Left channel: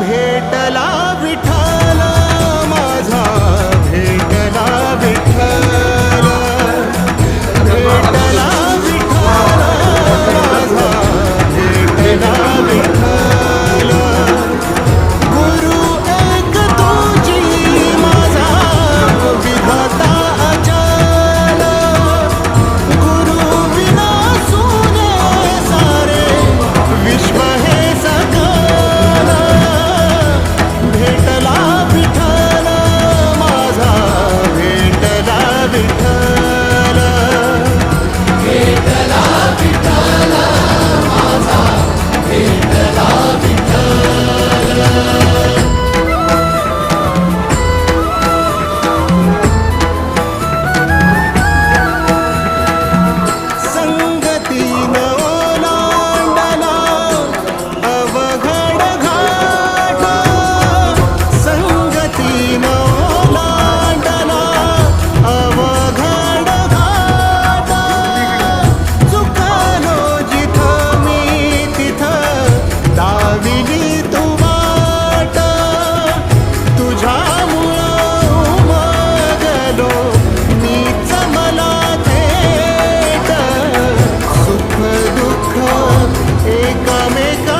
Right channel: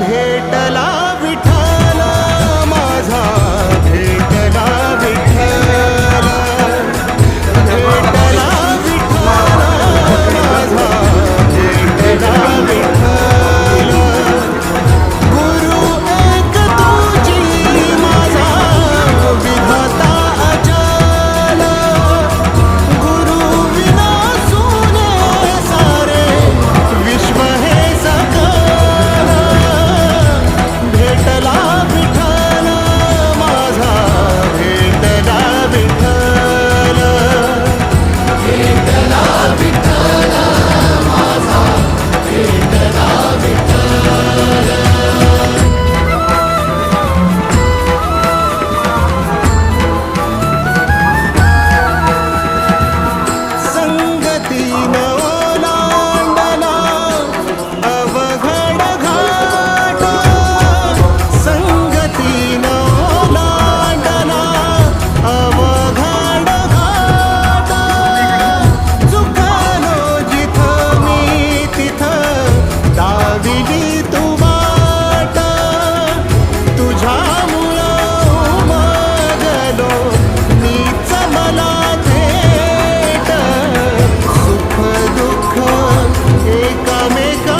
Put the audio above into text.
भेटला विठ्ठल माझा, भेटला विठ्ठल, भेटला विठ्ठल माझा, भेटला विठ्ठल. गुरु एक तुझी माझा विधाता अचल, गुरु विना सुने सारे विश्व हे सकल. भेटला विठ्ठल माझा, भेटला विठ्ठल, भेटला विठ्ठल माझा, भेटला विठ्ठल. संगतीन ओलांडला अवघड घाट, संगतीन ओलांडला अवघड घाट. चुकलो जिथं मी तिथं दाविली तू वाट, तुझ्यामुळं उमगलो मीच मला थेट. सुख दुःख एकमेका